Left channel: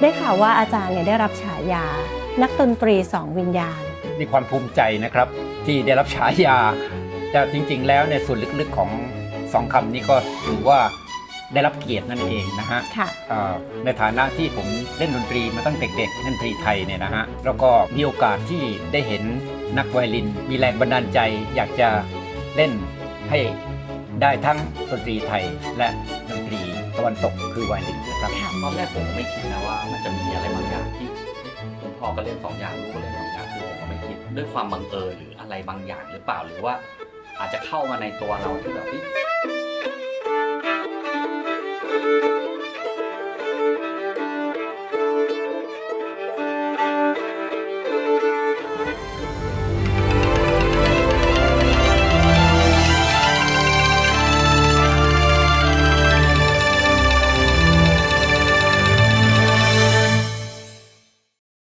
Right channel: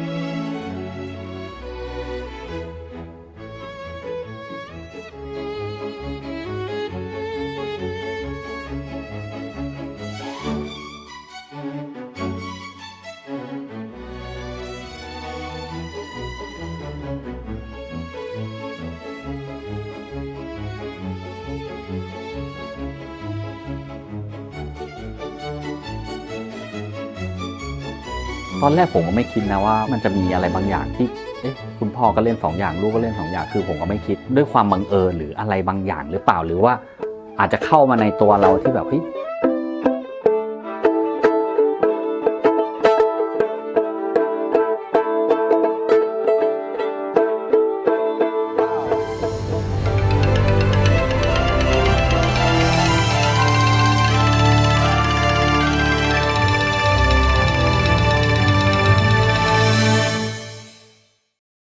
ได้ข่าวว่าอาจารย์เนี่ยได้รับฉายานักดนตรีสองวิญญาณมีความภูมิใจนะครับที่ได้รับฉายาแต่จริงๆแล้วเนี่ยส่วนลึกๆของสองคำนี้ก็ถือว่าได้รับเกียรตินั่นเองนะฮะในฐานะที่ผมเล่นดนตรีมาตั้งแต่เด็กๆดนตรีไทยเนี่ยนะฮะแล้วก็มีโอกาสที่ได้เห็นนักไวโอลินมีแรงบันดาลใจอยากจะเล่นให้ได้ทั้งดนตรีไทยและดนตรีตะวันตกคือไวโอลินด้วยครับตอนแรกผมก็ไม่คิดนะว่ามันจะมีอะไรบางอย่างที่คุณพ่อก็เล่น2อย่างลูกก็เล่น2อย่างคือผมก็ไม่คิดด้วยความบังเอิญหรืออะไรบางอย่างหรือเปล่าหรือว่าอาจจะเข้ามาในตัวเราที่แบบ